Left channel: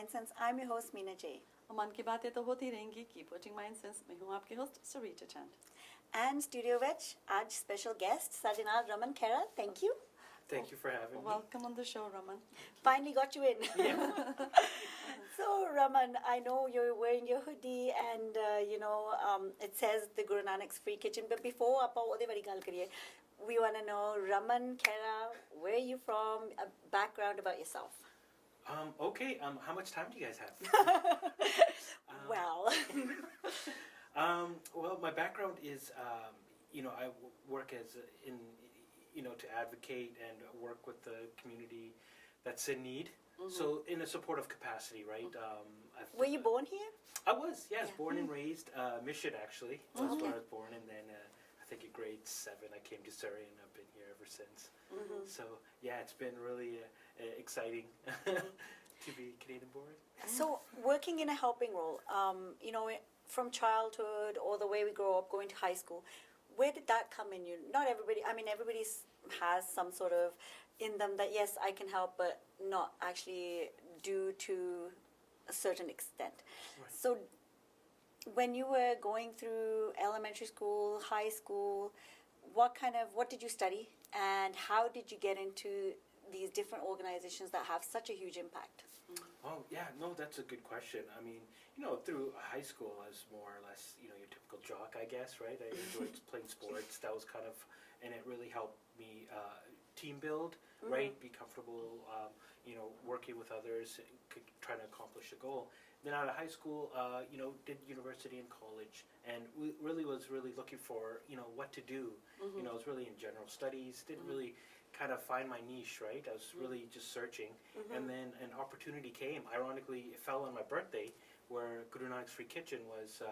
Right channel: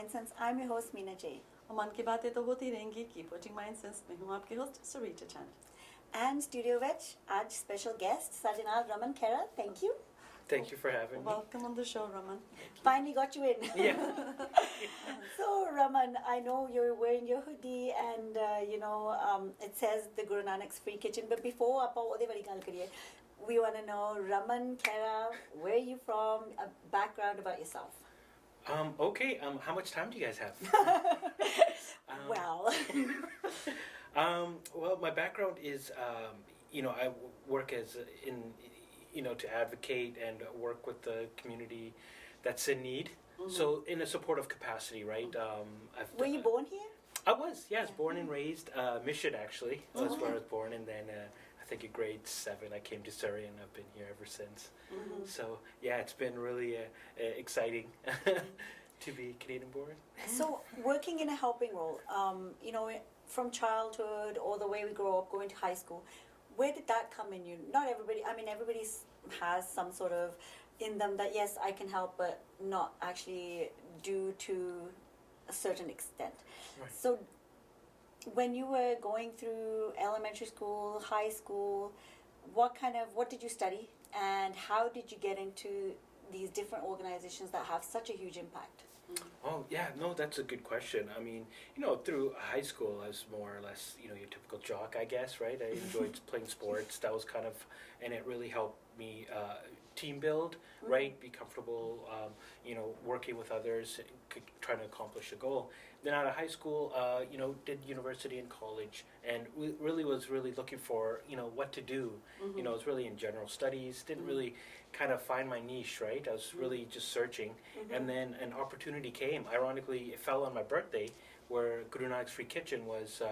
MindSense. I'm your host Meena J. और मन की बातें तो होती रहेंगी कीप वाचिंग माइंडसेंस में हूँ आपके host Sarita Chand And studio veg, आज special guest Sajinal Raman Khera. Thank you. Thank you for having me. Welcome on the show, Raman. Finally got you in. Yeah. So Raman, I know you're wearing your hoodie and it says the Guru Nanak's Free Kitchen. But before ਆਪਾਂ ਉਹਦੇ ਬਾਰੇ ਗੱਲ ਕਰੀਏ, we want to know Raman Khera, where are you from, a background about yourself. Okay. How much time do you guys have? Well, my background is, I work to advocate and work with the community that's in need. Mm-hmm. So in a supportive capacity, right? Were you born here? I was, yes, born and raised. Mission, actually, was where I was born. And then I think in grade 7, I came to Surrey, and I've been here ever since. Mm-hmm. So, yeah, it's been really exciting to be Canadian-born. So working in a helping role, from childhood or the way we grow up, going to high school, where did that come in you? Not everybody, everybody has some sort of in them that, yes, I can help, but not actually due to a certain extent. Right. So when you were going through elementary school, high school, what did you study? And how did you get into these different organizations that have such a huge impact? Oh, yeah, no, that's a good question. I mean, through high school, I was more or less, your typical jock, I guess, right? I enjoyed playing sports. That was and it really helped me team build, right? Be comfortable, working with others, trying to accomplish a goal. Then out of high school, did university and college, and was really looking for, what to do. Mm-hmm. I was really in general studies, didn't really kind of find my niche, right? I was really just searching. Mm-hmm. And then an opportunity came. Ironically, it fell on my birthday, where Guru Nanak's Free Kitchen was,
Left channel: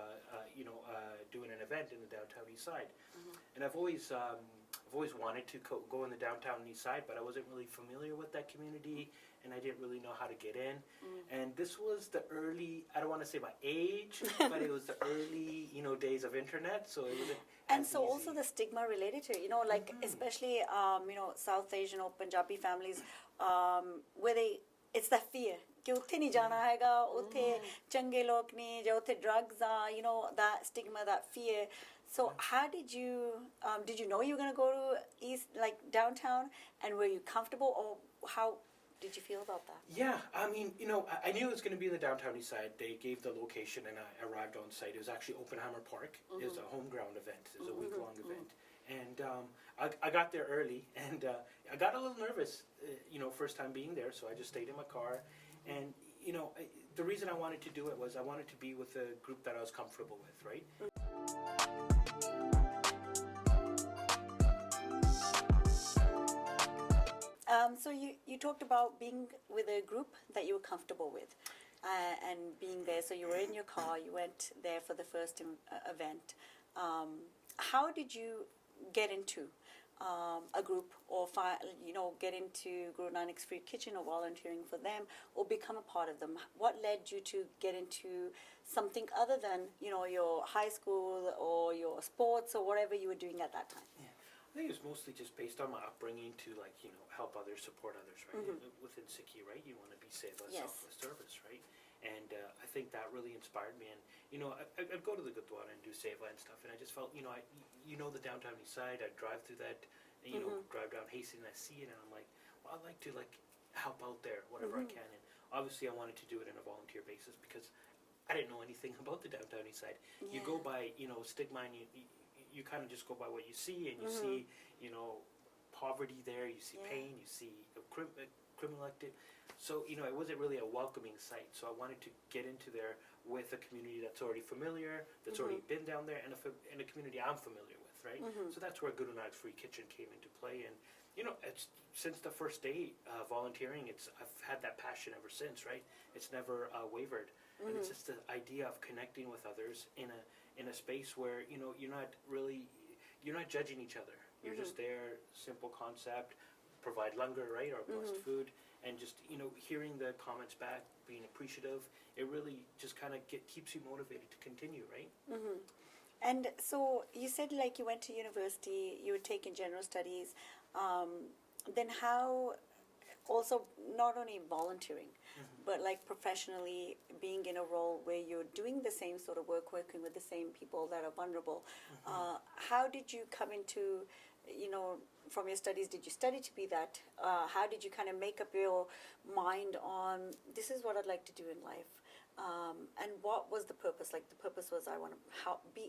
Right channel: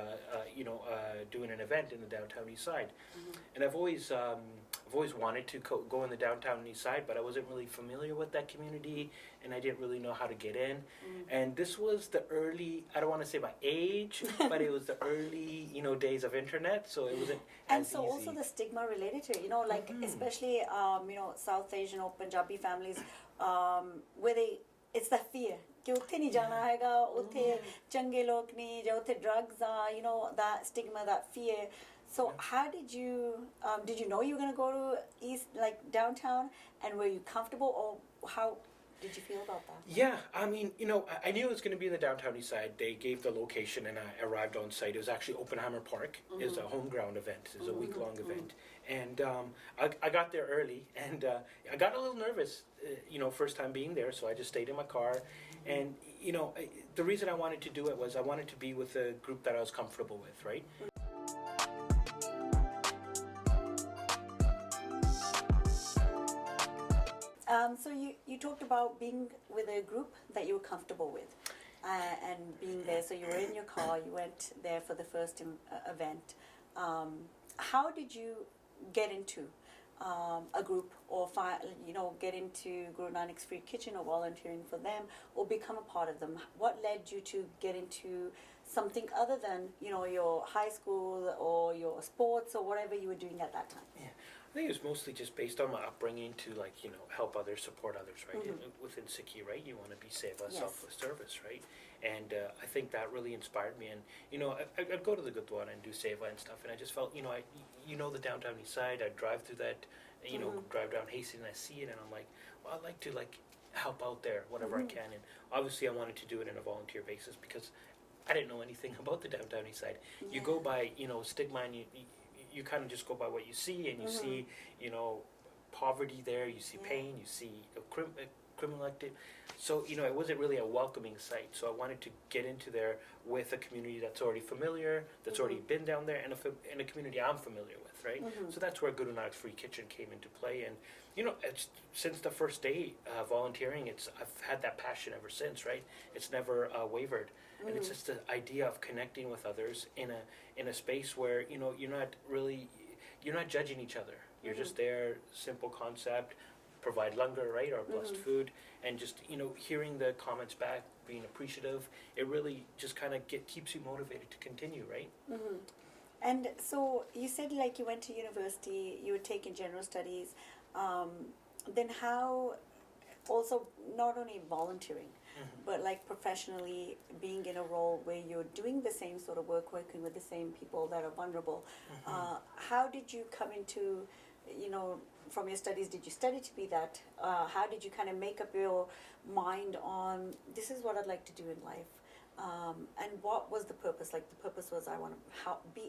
doing an event in the downtown east side. Mm-hmm. And I've always wanted to go in the downtown east side, but I wasn't really familiar with that community, and I didn't really know how to get in. Mm-hmm. And this was the early, I don't want to say my age, but it was the early, days of internet, so it wasn't and as so easy. Also the stigma related to it, mm-hmm. especially, South Asian or Punjabi families, where it's that fear. कि उत्थे नहीं जाना हैगा उत्थे चंगे लोग नहीं जो उत्थे drugs are that stigma, that fear. So how did you know you were going to go to east, like downtown, and were you comfortable, or how did you feel about that? Yeah, I mean, I knew it was going to be in the downtown east side. They gave the location, and I arrived on site. It was actually Oppenheimer Park. Mm-hmm. It was a home ground event. It was a week-long mm-hmm. event. And I got there early, and I got a little nervous, first time being there, so I just stayed in my car. And, the reason I wanted to do it was I wanted to be with a group that I was comfortable with, right? So you talked about being with a group that you were comfortable with and being there. So you were in your car, you went there for the first event. How did you get into a group or get into Guru Nanak's Free Kitchen or volunteering for them or become a part of them? What led you to get into something other than your high school or your sports or whatever you were doing at that time? Yeah, I think it was mostly just based on my upbringing to help others, support others, right? Mm-hmm. Within Sikhi, right? You want to be seva, selfless service, right? And I think that really inspired me. And I'd go to the Gurdwara and do seva and stuff, and I just felt the downtown east side. I'd drive through that, mm-hmm. drive down Hastings, and I see it, and I'm like, well, I'd like to help out there whatever mm-hmm. I can. And obviously, I wanted to do it on a volunteer basis because I didn't know anything about the downtown east side. Yeah. You go by stigma, and you kind of just go by what you see, and you mm-hmm. see poverty there, you see pain, you see criminal activity. So, it wasn't really a welcoming sight. So I wanted to get into there with a community that's already familiar, that's already been down there, and a community I'm familiar with, right? Mm-hmm. So that's where Guru Nanak's Free Kitchen came into play. And, it's since the first day volunteering, I've had that passion ever since, right? It's never wavered. Mm-hmm. And it's just the idea of connecting with others in a space where, you're not judging each other. You're just there, simple concept, provide langar, right, or blessed mm-hmm. food, and just hearing the comments back, being appreciative, it really just kind of keeps you motivated to continue, right? Mm-hmm. And so you said you went to university, you were taking general studies. Then how also not only volunteering, but like professionally being in a role where you're doing the same sort of work, working with the same people that are vulnerable. How did you come into, from your studies, did you study to be that? How did you kind of make up your mind on, this is what I'd like to do in life? And what was the purpose? Like the purpose was, I want to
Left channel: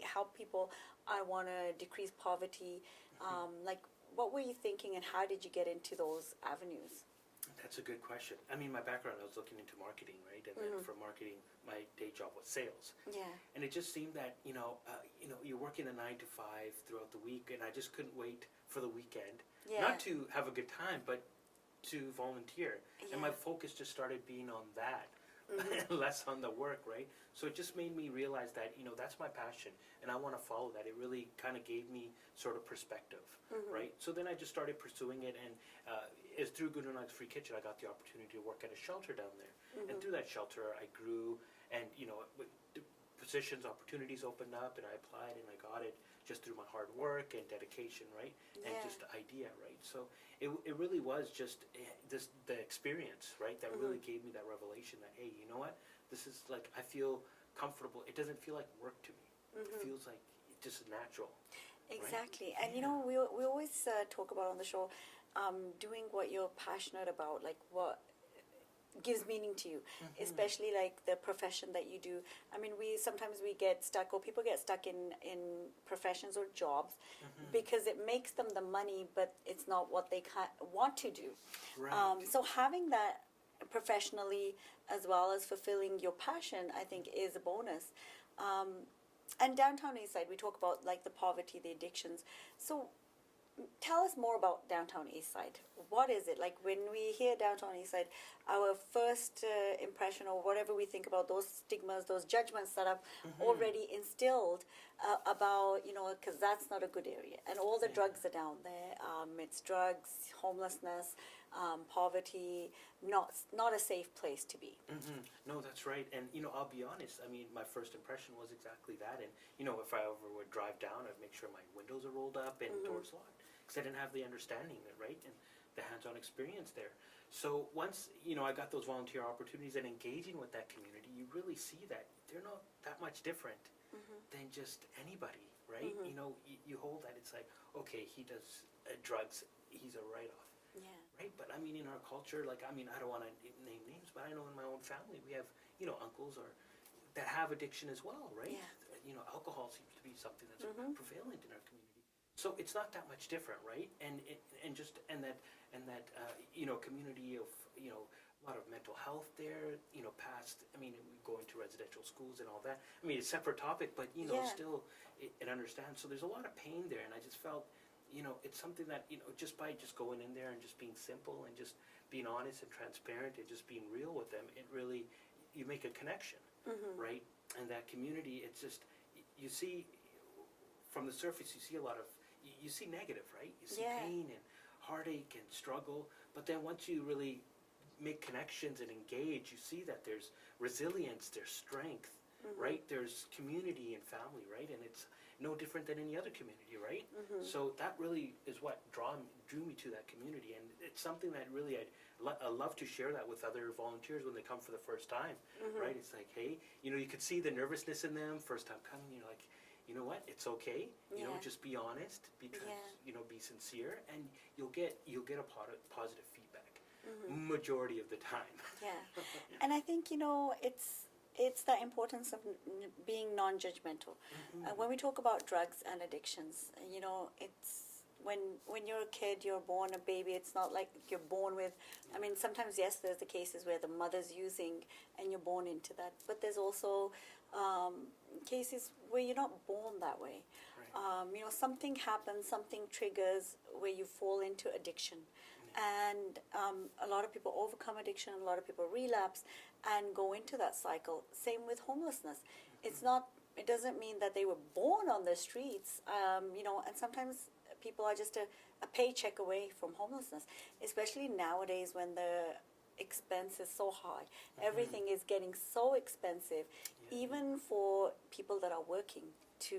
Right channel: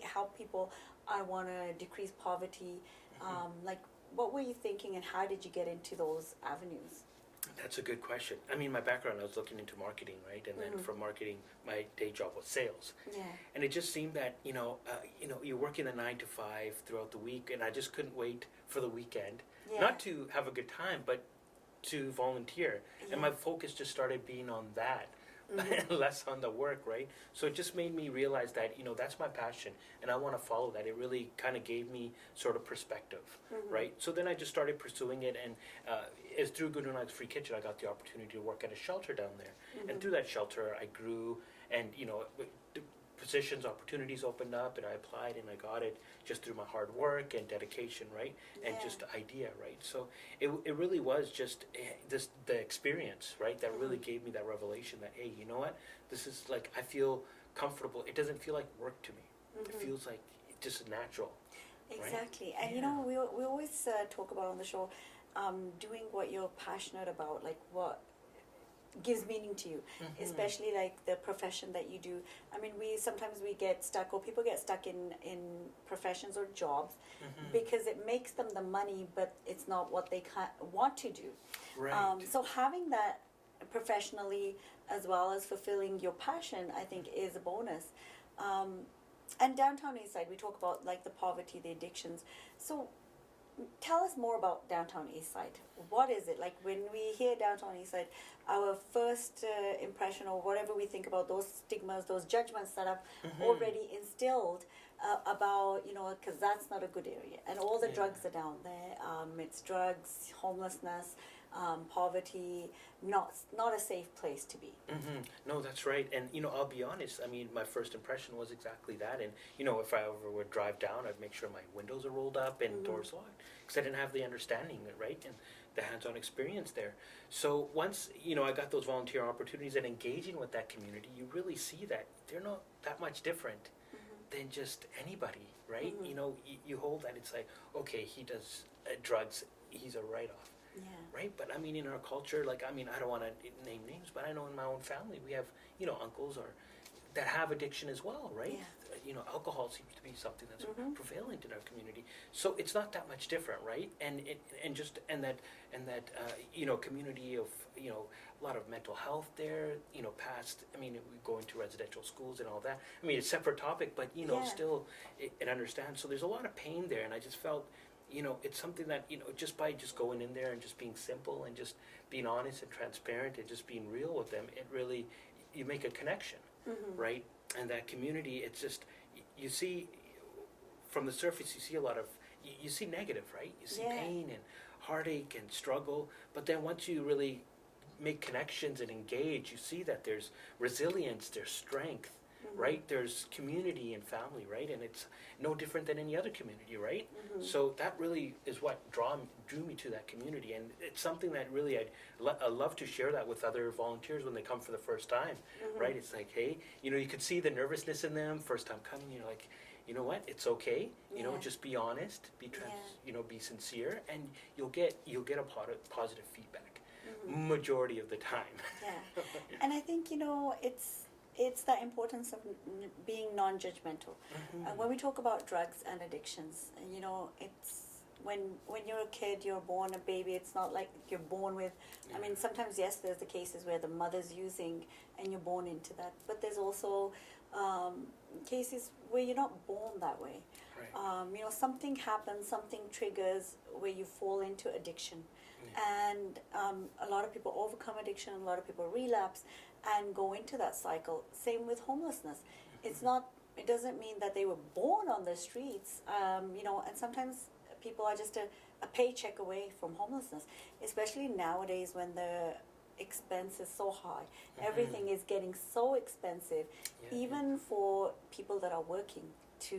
help people. I want to decrease poverty. Like, what were you thinking, and how did you get into those avenues? That's a good question. I mean, my background, I was looking into marketing, right? And then from marketing, my day job was sales. Yeah. And it just seemed that, you're working a 9 to 5 throughout the week, and I just couldn't wait for the weekend. Yeah. Not to have a good time, but to volunteer. And my focus just started being on that, less on the work, right? So it just made me realize that, that's my passion, and I want to follow that. It really kind of gave me sort of perspective, right? So then I just started pursuing it, and it's through Good Night's Free Kitchen, I got the opportunity to work at a shelter down there. And through that shelter, I grew, and, the positions, opportunities opened up, and I applied, and I got it just through my hard work and dedication, right? And just the idea, right? So it really was just the experience, right? That really gave me that revelation that, hey, you know what? This is like, I feel comfortable. It doesn't feel like work to me. It feels like just natural. Exactly. Right? And we always talk about on the show, doing what you're passionate about, like what gives meaning to you, especially like the profession that you do. I mean, sometimes we get stuck, or people get stuck in professions or jobs because it makes them the money, but it's not what they want to do. Right. So having that professionally as well as fulfilling your passion, I think is a bonus. And downtown Eastside, we talk about like the poverty, the addictions. So tell us more about downtown Eastside. What is it? Like when we hear downtown Eastside, our first impression, or whatever we think about those stigmas, those judgments that have already instilled about, because that's not a good area. And all the drugs are down there. It's drugs, homelessness, poverty, not a safe place to be. No, that's right. And, I'll be honest. I mean, my first impression was exactly that. And, if I ever would drive down, I'd make sure my windows are rolled up and doors locked, because I didn't have the understanding, right? And the hands-on experience there. So once, I got those volunteer opportunities and engaging with that community, you really see that they're not that much different than just anybody, right? You hold that, it's like, okay, he does drugs, he's a write-off. Right, but I mean, in our culture, like, I don't want to name names, but I know in my own family we have, uncles that have addiction as well, right? Alcohol seems to be something that's prevalent in our community, so it's not that much different, right? And that community of a lot of mental health there, past. I mean, we go into residential schools and all that. I mean, it's a separate topic, but still, it understands. So there's a lot of pain there, and I just felt. It's something that, just by just going in there and just being simple and just being honest and transparent and just being real with them, it really, you make a connection, right? And that community, it's just, you see, from the surface, you see a lot of, you see negative, right? You see pain and heartache and struggle, but then once you really make connections and engage, you see that there's resilience, there's strength, right? There's community and family, right? And it's no different than any other community, right? So that really is what drew me to that community, and it's something that really I'd love to share that with other volunteers when they come for the first time, right? It's like, hey, you could see the nervousness in them first time coming. You're like, you know what? It's okay. Just be honest, be be sincere, and you'll get a positive feedback, majority of the time. And I think it's the importance of being non-judgmental. When we talk about drugs and addictions, it's when you're a kid, you're born a baby. It's not like you're born with. I mean, sometimes yes, there's the cases where the mother's using and you're born into that. But there's also cases where you're not born that way. Right. Something happens, something triggers where you fall into addiction, and a lot of people overcome addiction. A lot of people relapse and go into that cycle. Same with homelessness. It's not. It doesn't mean that they were born on the streets. And sometimes people are just a paycheck away from homelessness, especially nowadays when the expense is so high. Everything is getting so expensive, even for people that are working to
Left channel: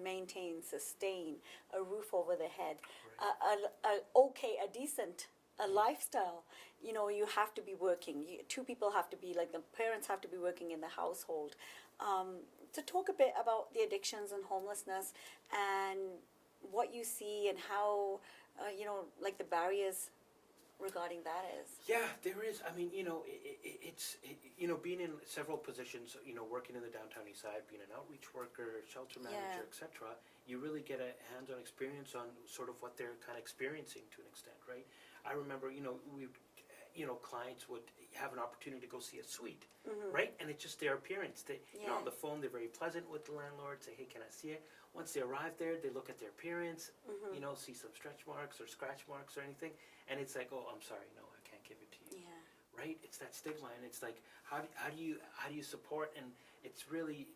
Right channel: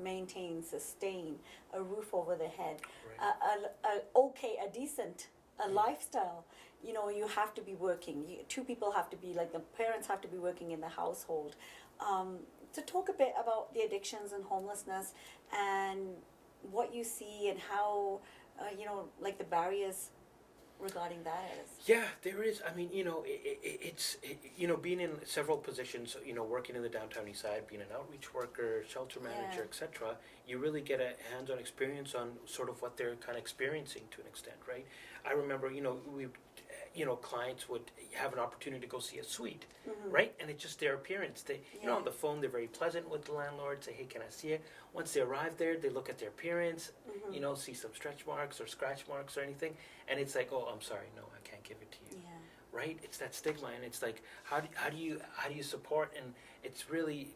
maintain, sustain a roof over their head, a decent lifestyle. You know, you have to be working. Two people have to be, like, the parents have to be working in the household. To talk a bit about the addictions and homelessness and what you see and how, you know, like the barriers regarding that is. Yeah, there is. I mean, you know, you know, being in several positions, you know, working in the downtown east side, being an outreach worker, shelter manager, Yeah. etc., you really get a hands-on experience on sort of what they're kind of experiencing to an extent, right? I remember, you know, clients would have an opportunity to go see a suite, right? And it's just their appearance. They, you know, on the phone, they're very pleasant with the landlord, say, hey, can I see it? Once they arrive there, they look at their appearance, you know, see some stretch marks or scratch marks or anything, and it's like, oh, I'm sorry, no, I can't give it to you, right? It's that stigma, and it's like, how do you support? And it's really,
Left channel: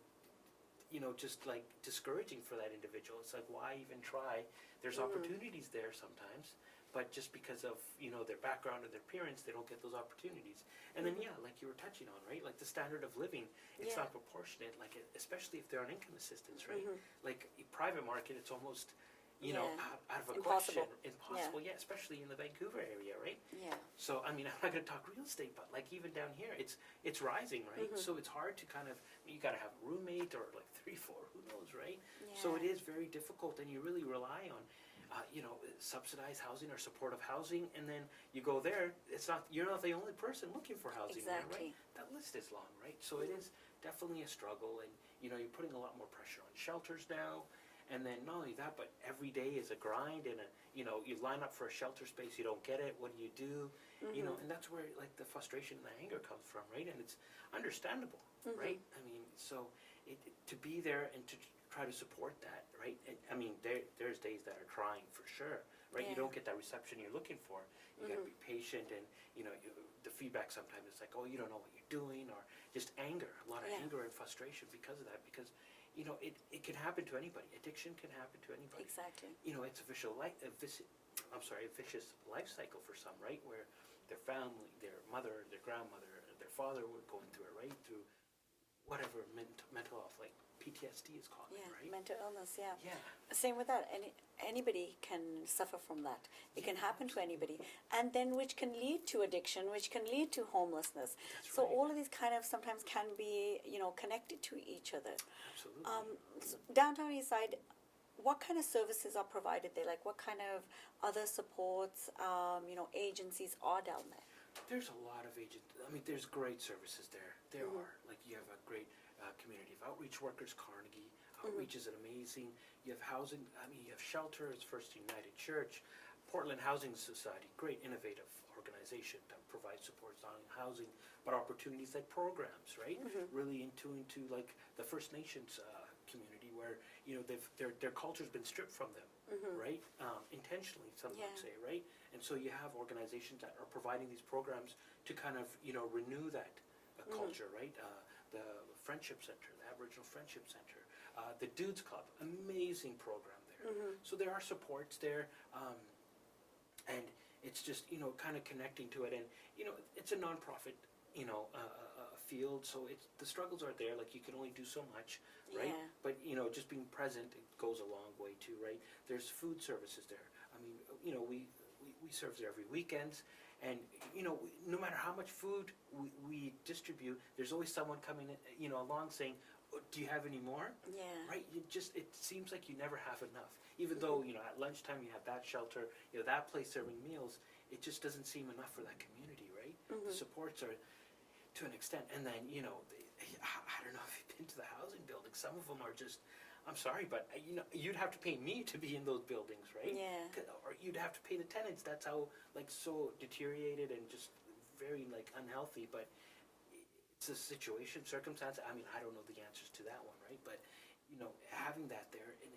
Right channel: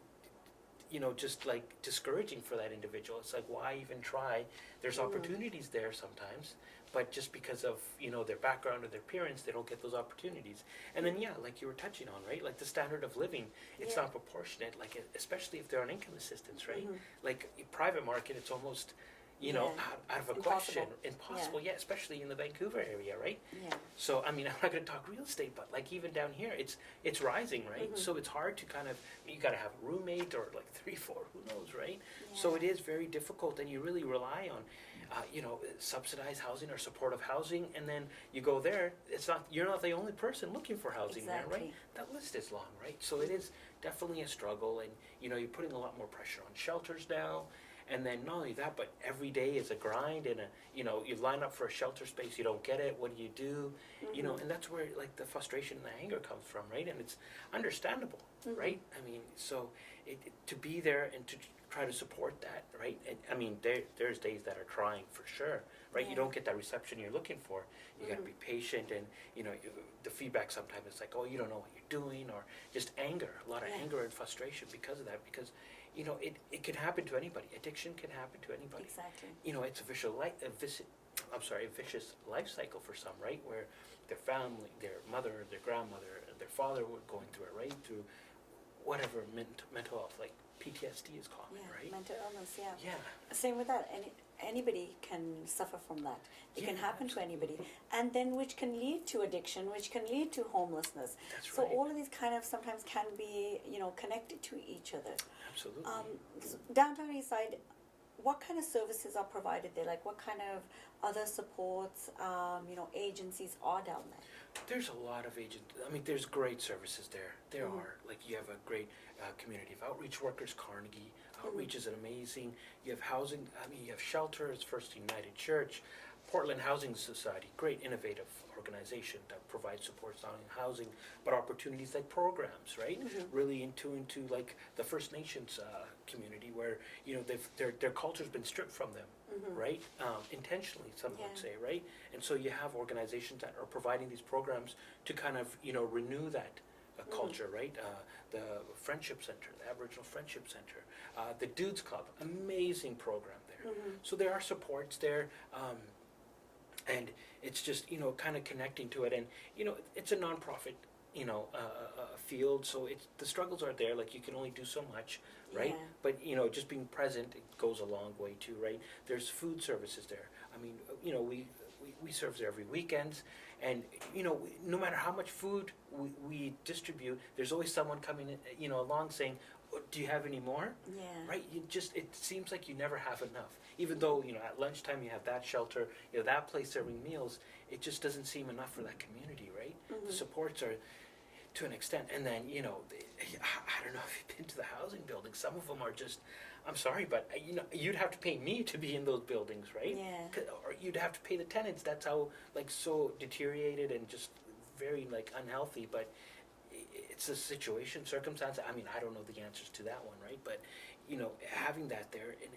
you know, just like discouraging for that individual. It's like, why even try? There's opportunities there sometimes, but just because of, you know, their background or their parents, they don't get those opportunities. And then, yeah, like you were touching on, right? Like the standard of living, it's not proportionate, like especially if they're on income assistance, right? Like private market, it's almost, you know, out of a question. Impossible, yeah, especially in the Vancouver area, right? Yeah. So, I mean, I'm not going to talk real estate, but like even down here, it's rising, right? So it's hard to kind of, you got to have a roommate or like 3, 4, who knows, right? So it is very difficult, and you really rely on, you know, subsidized housing or supportive housing, and then you go there, you're not the only person looking for housing there, right? That list is long, right? So it is definitely a struggle, and, you know, you're putting a lot more pressure on shelters now. And then not only that, but every day is a grind, and you know, you line up for a shelter space, you don't get it, what do? You know, and that's where like the frustration and the anger comes from, right? And it's understandable, right? I mean, so to be there and to try to support that, right? And I mean, there's days that are trying for sure, right? You don't get that reception you're looking for. You got to be patient, and you know, the feedback sometimes it's like, oh, you don't know what you're doing, or just anger, a lot of anger and frustration because of that, because you know, it can happen to anybody. Addiction can happen to anybody. Exactly. You know, it's a vicious life cycle for some, right? Where their family, their mother, their grandmother, their father were going through it, right? Through whatever mental health, like PTSD is common, right? Mental illness, yeah. Yeah. Same with that. Anybody can suffer from that. It can happen to anybody. And then which can lead to addiction, which can lead to homelessness. That's so right. all of these kind of sometimes can be, you know, connected to each other. Absolutely. Downtown East Side, what kind of services are provided there? Like what kind of other supports, you know, agencies are down there? There's a lot of I mean, there's great services there. There are. Like, you have a great community of outreach workers, Carnegie. Outreach is amazing. You have housing. I mean, you have shelters, First United Church, Portland Housing Society, great innovative organization that provides supports not only housing, but opportunities like programs, right? Really into like the First Nations community, where, you know, their culture's been stripped from them. Right? Intentionally, some would say, right? And so you have organizations that are providing these programs to kind of, you know, renew that culture, right? The Friendship Center, the Aboriginal Friendship Center, the Dudes Club, amazing program there. So there are supports there, and it's just, you know, kind of connecting to it. And, you know, it's a nonprofit, you know, field, so the struggles are there. Like, you can only do so much, right? But, you know, just being present, it goes a long way too, right? There's food services there. I mean, you know, we serve there every weekend, and, you know, no matter how much food we distribute, there's always someone coming in, you know, along saying, oh, do you have any more? Right? It seems like you never have enough. Even though, you know, at lunchtime you have that shelter, you know, that place serving meals, it just doesn't seem enough for that community, right? The supports are to an extent. And then, you know, I don't know if you've been to the housing buildings. Some of them are just, I'm sorry, but, you know, you'd have to pay me to be in those buildings, right? Or you'd have to pay the tenants. That's how, like, so deteriorated and just very, like, unhealthy. But it's a situation, circumstance. I mean, I don't know the answers to that one, right? But, you know, having that there, and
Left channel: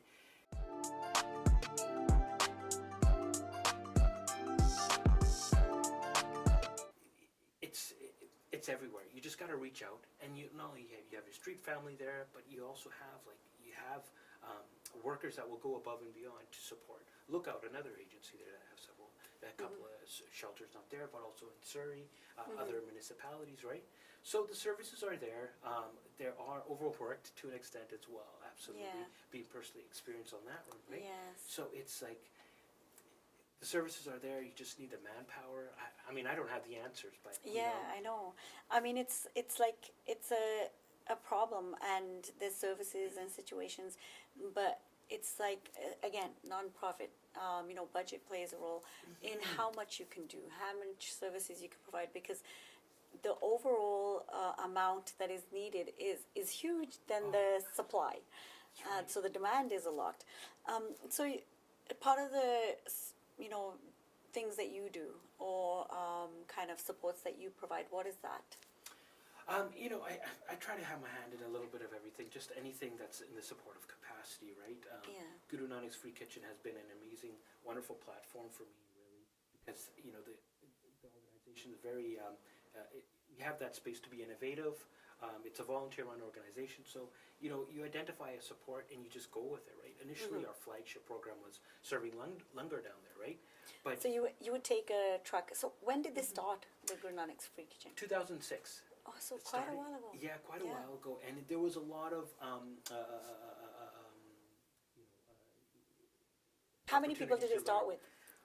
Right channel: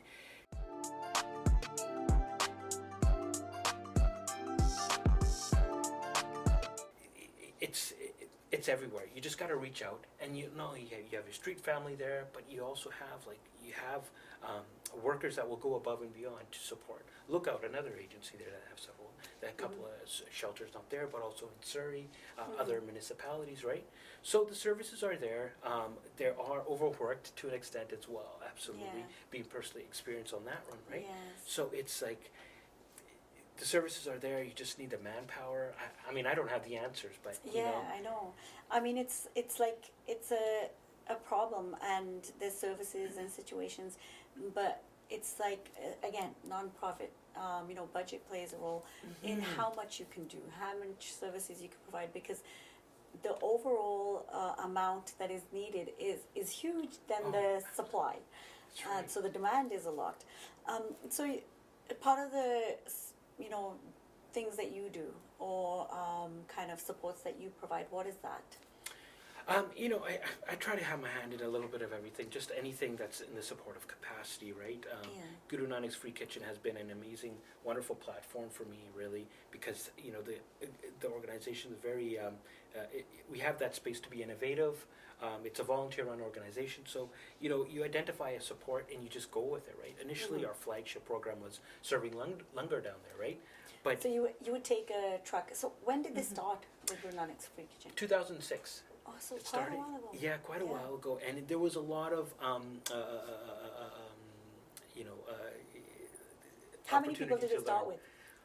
it's everywhere. You just got to reach out, and you know, you have your street family there, but you also have workers that will go above and beyond to support. Lookout, another agency there that have several, that a couple of shelters not there, but also in Surrey, other municipalities, right? So the services are there. There are overworked to an extent as well. Absolutely, being personally experienced on that one, right? So it's like the services are there. You just need the manpower. I mean, I don't have the answers, but you Yeah, know. I know. I mean, it's like it's a problem, and there's services and situations, but it's like again, nonprofit. Budget plays a role in how much you can do, how much services you can provide, because the overall amount that is needed is huge than the supply. That's right. So the demand is a lot. Part of the things that you do, or kind of supports that you provide, what is that? I try to have my hand in a little bit of everything, just anything that's in the supportive capacity, right? Guru Nanak's Free Kitchen has been an amazing, wonderful platform for me, really, because the organization is very. We have that space to be innovative. It's a volunteer-run organization, so you identify a support and you just go with it, right? Initially, our flagship program was serving langar down there, right? But so you would take a truck. So when did this start with Guru Nanak's Free Kitchen? 2006. Oh, so It quite started, a while ago. yeah, quite a while ago, and there was a lot of How many people did it start with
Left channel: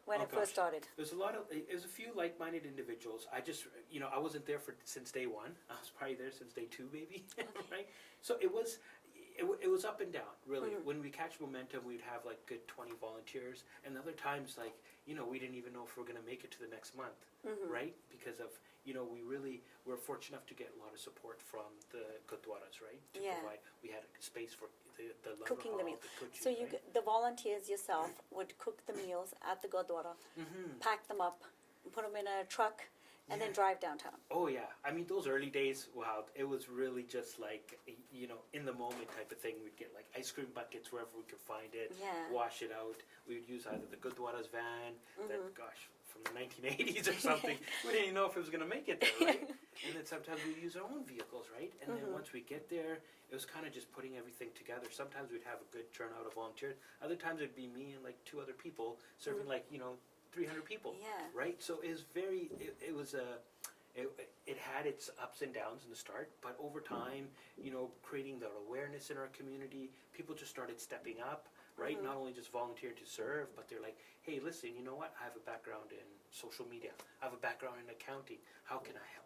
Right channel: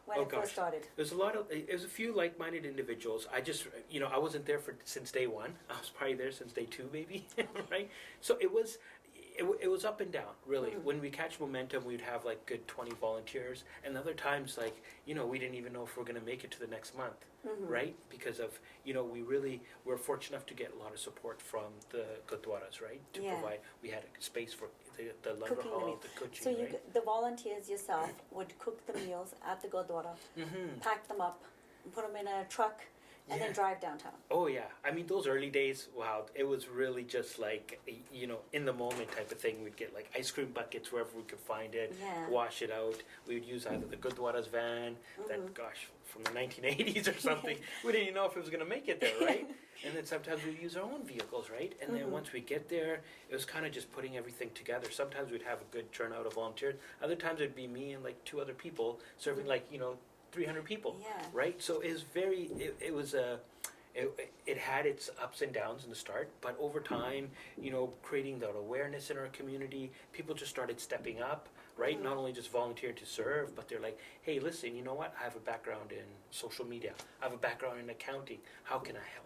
when it first started? There's a few like-minded individuals. I just, I wasn't there since day one. I was probably there since day two, maybe, right? So it was up and down, really. When we catch momentum, we'd have like good 20 volunteers, and other times, like, we didn't even know if we're going to make it to the next month, right? Because of, we're fortunate enough to get a lot of support from the gurdwaras, right? To provide, we had a space for the langar hall, the cooking, so right? The volunteers yourself would cook the meals at the gurdwara, pack them up, put them in a truck, and then drive downtown. Oh yeah, I mean those early days, wow, it was really just like in the moment type of thing. We'd get like ice cream buckets wherever we could find it, wash it out. We would use either the Gurdwara's van, that from the 1980s or something. We didn't even know if it was going to make it there, right? And then sometimes we'd use our own vehicles, right? And then once we get there, it was kind of just putting everything together. Sometimes we'd have a good turnout of volunteers. Other times it'd be me and like two other people serving 300 people, right? So it was it had its ups and downs in the start, but over time, creating that awareness in our community, people just started stepping up, right? Not only just volunteering to serve, but they're like, hey, listen, you know what? I have a background in social media. I have a background in accounting. How can I help?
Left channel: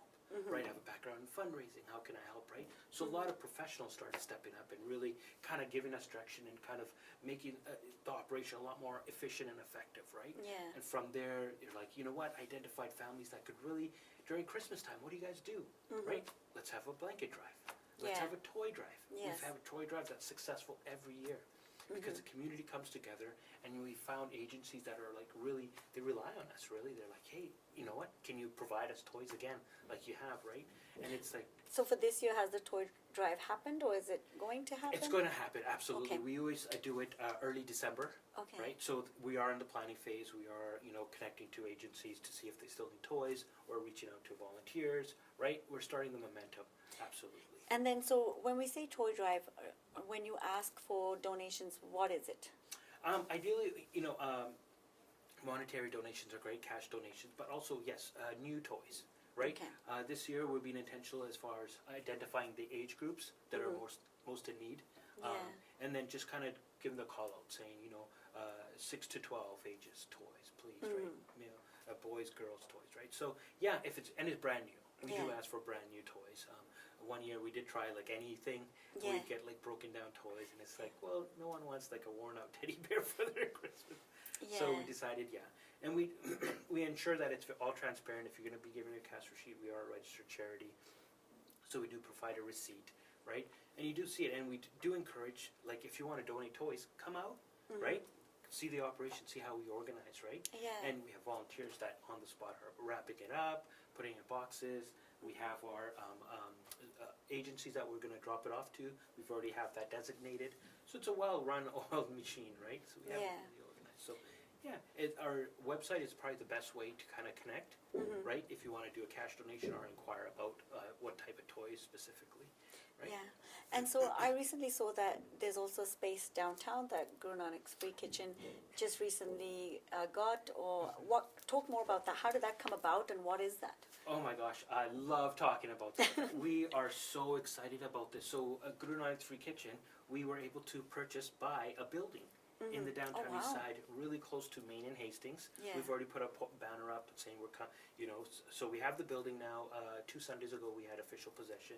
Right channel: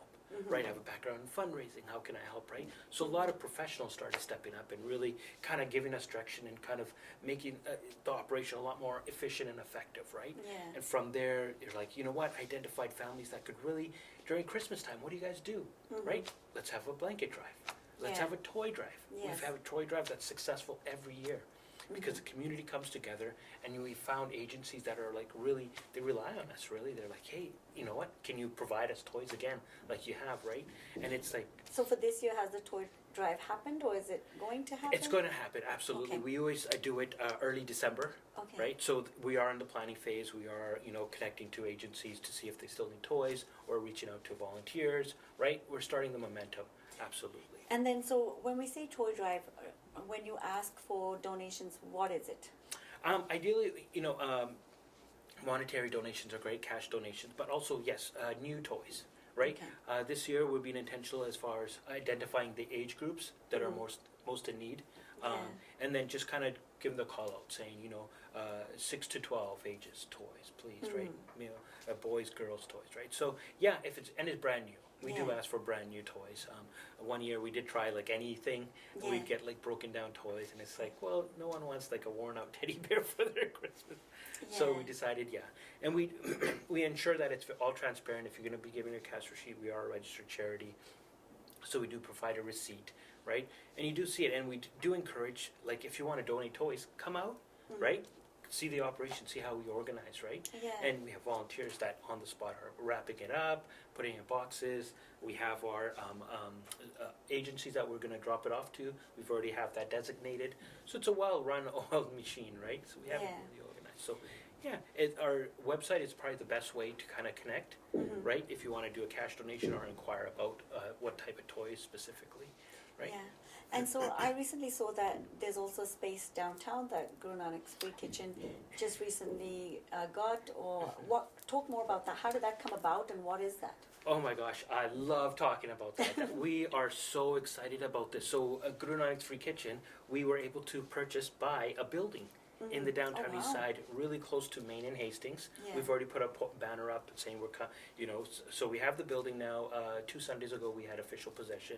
Right, I have a background in fundraising. How can I help, right? So a lot of professionals started stepping up and really kind of giving us direction and kind of making the operation a lot more efficient and effective, right? Yeah. And from there, you're like, you know what? Identified families that could really, during Christmas time, what do you guys do, right? Let's have a blanket drive. Let's have a toy drive. Yes. We've had a toy drive that's successful every year. Because the community comes together, and we found agencies that are like really, they rely on us, really. They're like, hey, you know what, can you provide us toys again, like you have, right? And it's like... So for this year, has the toy drive happened, or is it going to happen? It's going to happen, absolutely. Okay. We always do it early December, right? So we are in the planning phase. We are, connecting to agencies to see if they still need toys, or reaching out to volunteers, right? We're starting the momentum, absolutely. And then, so when we say toy drive, when you ask for donations, what is it? Ideally, monetary donations are great, cash donations, but also, yes, new toys, right? Okay. This year we're being intentional as far as identifying the age groups that are most in need, and then just kind of give the call out saying, 6 to 12 ages toys, please, right? Boys, girls toys, right? So yeah, if it's brand new. We do ask for brand new toys. One year we did try like anything. We'd get like broken down toys, and it's like, well, no one wants like a worn out teddy bear for their Christmas. So we decided, and we we ensure that it's all transparent. If you're going to be giving a cash receipt, we are a registered charity, so we do provide a receipt, right? And you do see it, and we do encourage, like, if you want to donate toys, come out, right? See the operation, see how we organize, right? Yeah. And we have volunteers that on the spot are wrapping it up, putting it in boxes. We have our agencies that we're going to drop it off to. We've already have that designated. So it's a well-run oiled machine, right? So we have it really organized. So our website is probably the best way to kind of connect, right? If you want to do a cash donation or inquire about what type of toys specifically, right? Yeah. And so I recently saw that there's also a space downtown that Guru Nanak's Free Kitchen just recently got, or talk more about that. How did that come about, and what is that? Oh my gosh, I love talking about that. We are so excited about this. So Guru Nanak's Free Kitchen, we were able to buy a building in the downtown Oh, east wow. side, really close to Main and Hastings. Yeah. We've already put a banner up saying so we have the building now. 2 Sundays ago we had official possession,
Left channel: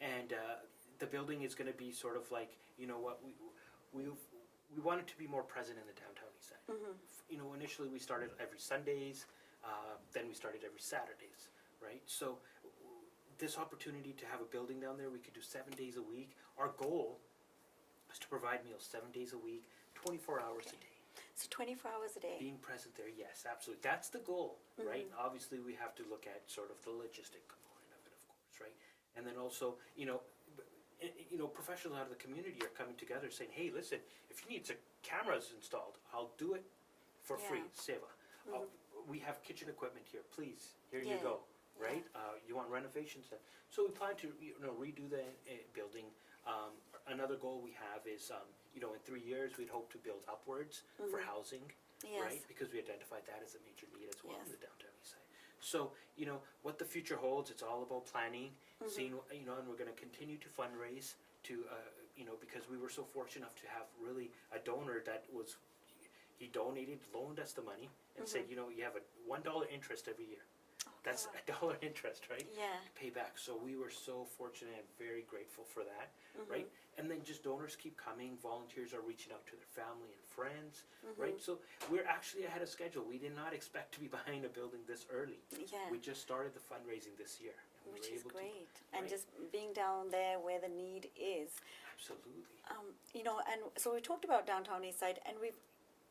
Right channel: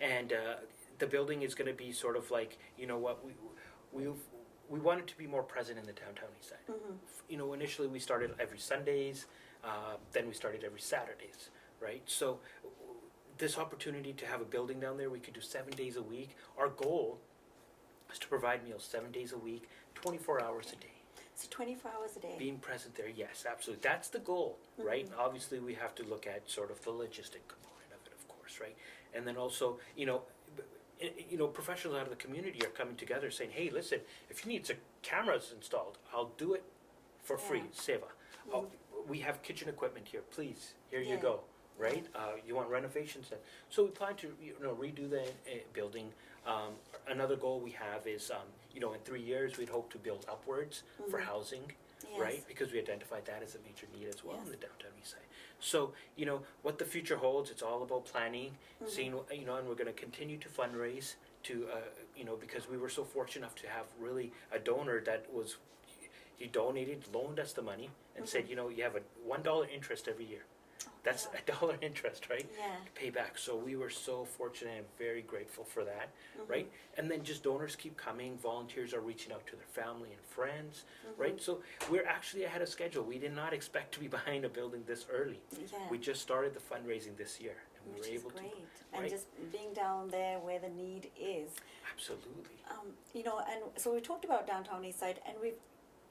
and the building is going to be sort of like, we want it to be more present in the downtown east side. Initially we started every Sundays, then we started every Saturdays, right? So this opportunity to have a building down there, we could do 7 days a week. Our goal is to provide meals 7 days a week, 24 hours a day. So 24 hours a day. Being present there, yes, absolutely. That's the goal, right? Obviously, we have to look at sort of the logistic component of it, of course, right? And then also, professionals out of the community are coming together saying, hey, listen, if you need some cameras installed, I'll do it for free, seva. We have kitchen equipment here, please, here you Yeah. go, right? You want renovations then? So we plan to, redo the building. Another goal we have is, in 3 years, we'd hope to build upwards for housing, Yes. right? Because we identified that as a major need as well in Yes. the downtown east side. So, what the future holds, it's all about planning, seeing, and we're going to continue to fundraise to, because we were so fortunate enough to have really a donor that he loaned us the money and said, you have a $1 interest every year. That's $1 interest, right? Yeah. To pay back. So we were so fortunate and very grateful for that, right? And then just donors keep coming. Volunteers are reaching out to their family and friends, right? So we're actually ahead of schedule. We did not expect to be behind a building this early. Yeah. We just started the fundraising this year, and we Which were is able great. to. And Right. just being down there where the need is. Absolutely. And so we talked about downtown east side, and we've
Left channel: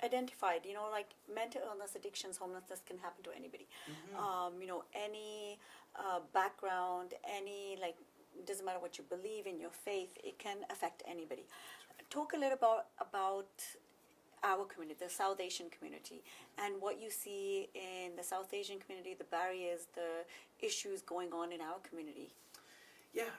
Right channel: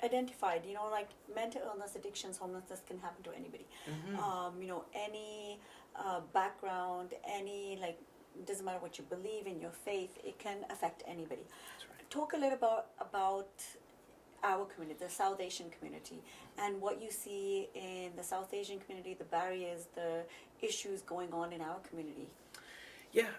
identified, like mental illness, addictions, homelessness can happen to anybody. Any background, doesn't matter what you believe in, your faith, it can affect anybody. That's right. Talk a little about our community, the South Asian community, and what you see in the South Asian community, the barriers, the issues going on in our community. Yeah,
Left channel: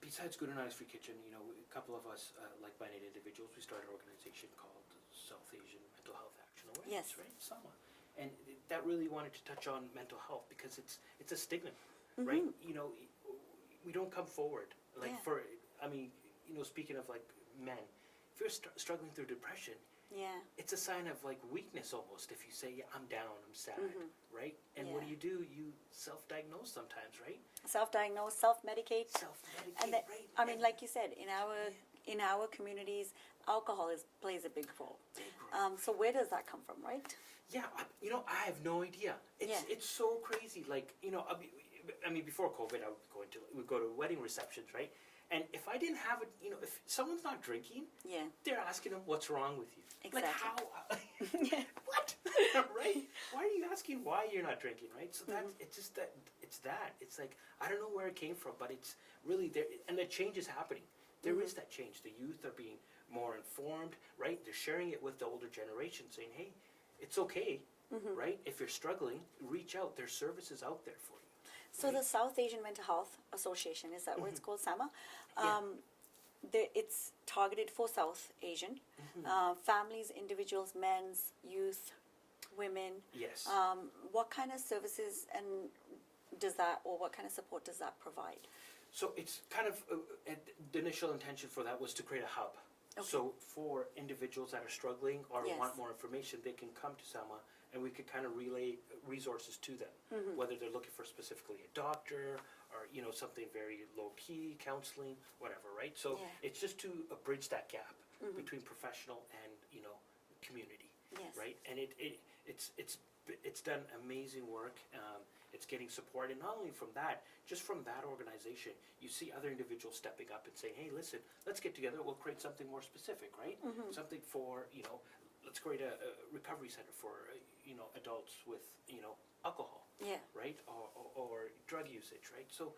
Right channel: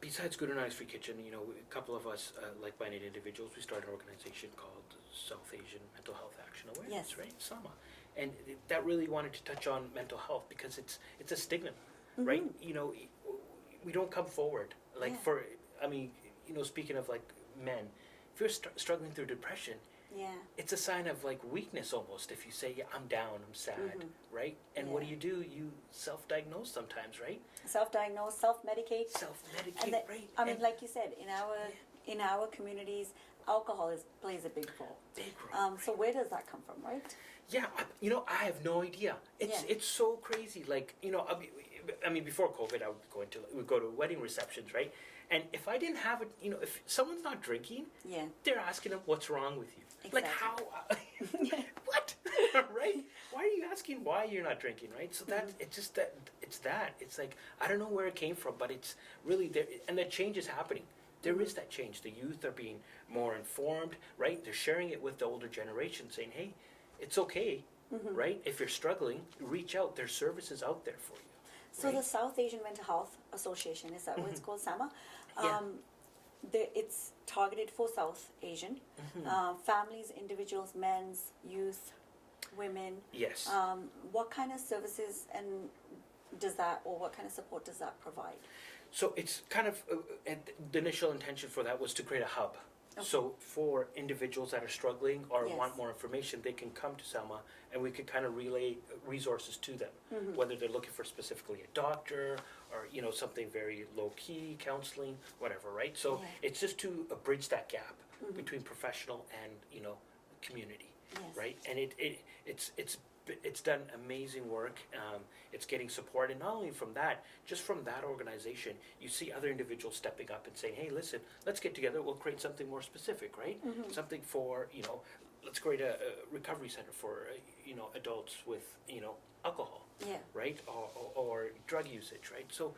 besides Good and Honest Free Kitchen, a couple of us, like-minded individuals, we started an organization called South Asian Mental Health Action Awareness, Yes. right? SAMA. And that really wanted to touch on mental health because it's a stigma, right? We don't come forward. Speaking of like men, if you're struggling through depression, Yeah. it's a sign of like weakness almost if you say, yeah, I'm down, I'm sad, right? And what Yeah. do? You self-diagnose sometimes, right? Self-diagnose, self-medicate. Self-medicate, And right? like you said, in our communities, alcohol plays a big role. Big role. So where does that come from, right? Yeah, I have no idea. It's so crazy. Like, before COVID, we'd go to wedding receptions, right? And if I didn't have it, if someone's not drinking, Yeah. they're asking them, what's wrong with you? Like, how? Exactly. What? Right? Why are you asking why you're not drinking, right? So it's like, I don't know where it came from, but it's really there, and the change is happening. There is that change. The youth are being more informed, right? They're sharing it with the older generation, saying, hey, it's okay, right? If you're struggling, reach out. There's services out there for you. So right? the South Asian Mental Health Association, is that what it's called, SAMA? Yeah. It's targeted for South Asian families, individuals, men's, youth, women. Yes. What kind of services what kind of support does that provide? So it's kind of, the initial intention for that was to create a hub. Okay. So for individuals that are struggling or Yes. want more information, they can come to SAMA and we could kind of relay resources to them, whether they're looking for specifically a doctor or, something very low-key, counseling, whatever, right? So Yeah. it's just to bridge that gap between professional and, community, Yes. right? And it's done amazing work. It's getting support, and not only from that, just from that organization, you see other individuals stepping up and saying, "Hey, listen, let's get together. We'll create something more specific, right? Something for let's create a recovery center for adults with alcohol, Yeah. right, or drug usage, right? So,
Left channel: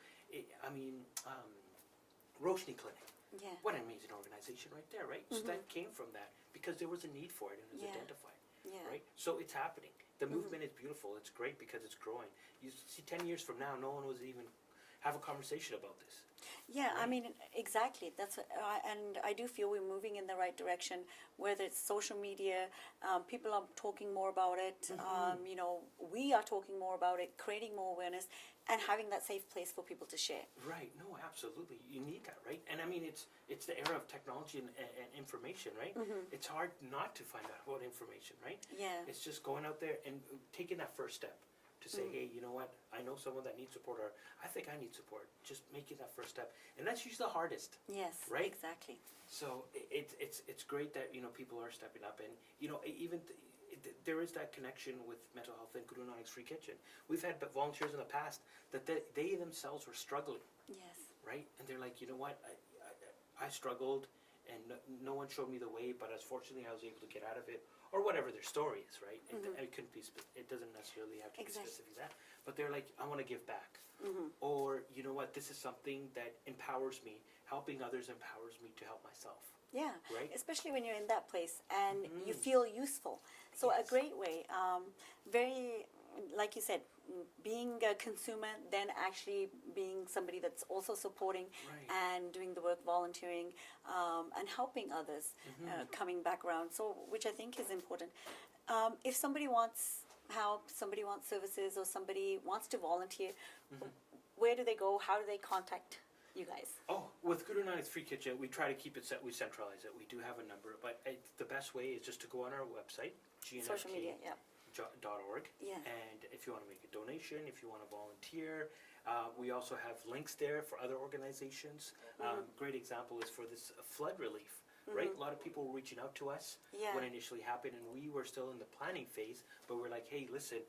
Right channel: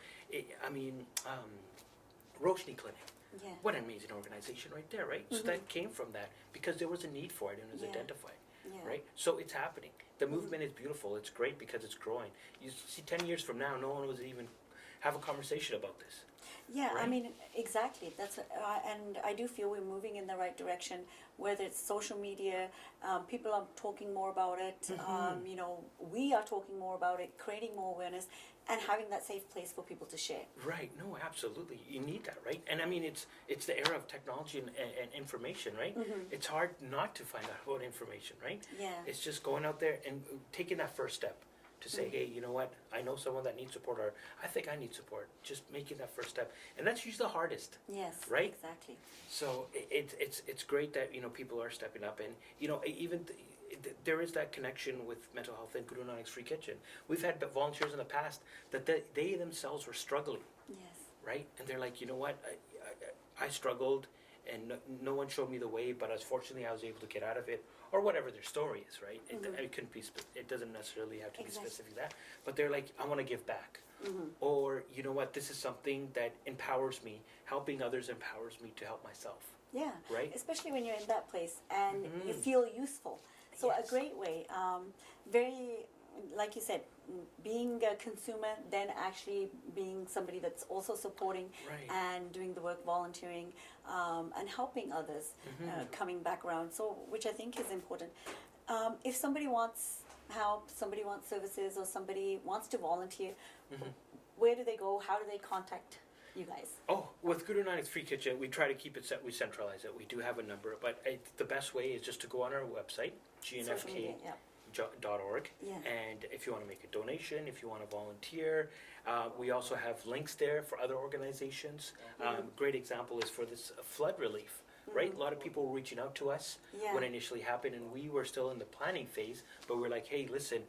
Roshni Clinic. Yeah. What an amazing organization right there, right? So that came from that because there was a need for it and it was Yeah. identified. Yeah. Right? So it's happening. The movement is beautiful. It's great because it's growing. You see 10 years from now, no one would even have a conversation about this. Yeah, I Right. mean, exactly. And I do feel we're moving in the right direction. Whether it's social media, people are talking more about it. You know, we are talking more about it, creating more awareness, and having that safe place for people to share. Right. No, absolutely. You need that, right? And I mean, it's the era of technology and information, right? It's hard not to find out about information, right? Yeah. It's just going out there and taking that first step to say, hey, you know what? I know someone that needs support, or I think I need support. Just making that first step, and that's usually the hardest, Yes. right? Exactly. So it's great that people are stepping up, and even there is that connection with mental health and Guru Nanak's Free Kitchen. We've had volunteers in the past that they themselves were struggling, Yes. right? And they're like, you know what, I struggled, and no one showed me the way, but fortunately I was able to get out of it, or whatever their story is, right? It couldn't be. It doesn't necessarily have to be Exactly. specific that, but they're like, I want to give back. Or, you know what, this is something that empowers me. Helping others empowers me to help myself, Yeah. right? Especially when you're in that place and you feel useful. So Yes. a great way, very, like you said, being a consumer, then actually being somebody that's also supporting Right. and doing the work, volunteering, and helping others, coming back around. So, which I think is important. If somebody wants help, somebody wants services, or somebody wants to volunteer, where do they go? How do they contact you guys? Oh, with Guru Nanak's Free Kitchen, we try to keep it set. We centralize it. We do have a number, but the best way is just to go on our website, Social media, gnfk.org, yeah. and if you want to make a donation, if you want to volunteer, we also have links there for other organizations. Great example is for this flood relief. Right, a lot of people were reaching out to us Yeah. when it initially happened, and we were still in the planning phase. But we're like, hey, listen,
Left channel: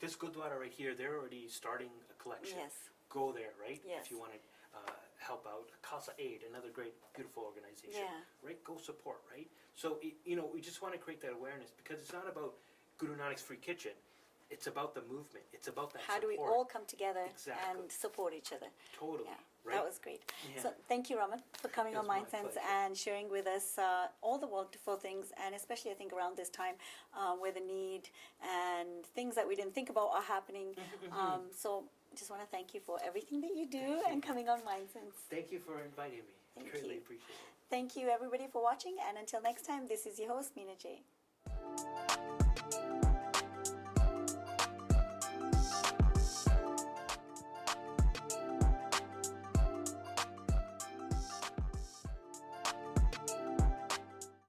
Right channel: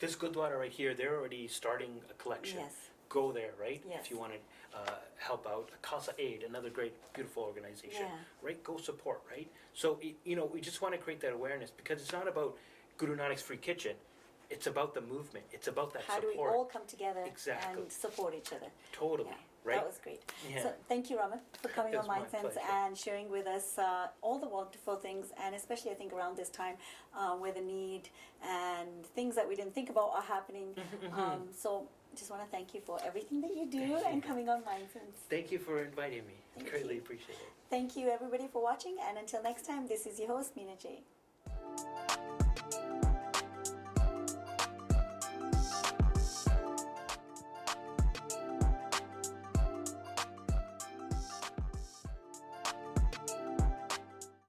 this Gurdwara right here, they're already starting a collection. Yes. Go there, right? Yes. If you want to help out. Casa Aid, another great, beautiful organization, Yeah. right? Go support, right? So, we just want to create that awareness, because it's not about Guru Nanak's Free Kitchen. It's about the movement. It's about that How do we support. all come together Exactly. and support each other? Totally, Yeah, right? that was great. Yeah. So thank you, Raman, for coming It on was my MindSense pleasure. and sharing with us all the wonderful things, and especially I think around this time where the need and things that we didn't think about are happening. So just want to thank you for everything that you do Thank you. and coming on MindSense. Thank you for inviting me. Thank Greatly you. appreciate it. Thank you, everybody, for watching, and until next time, this is your host, Meena J.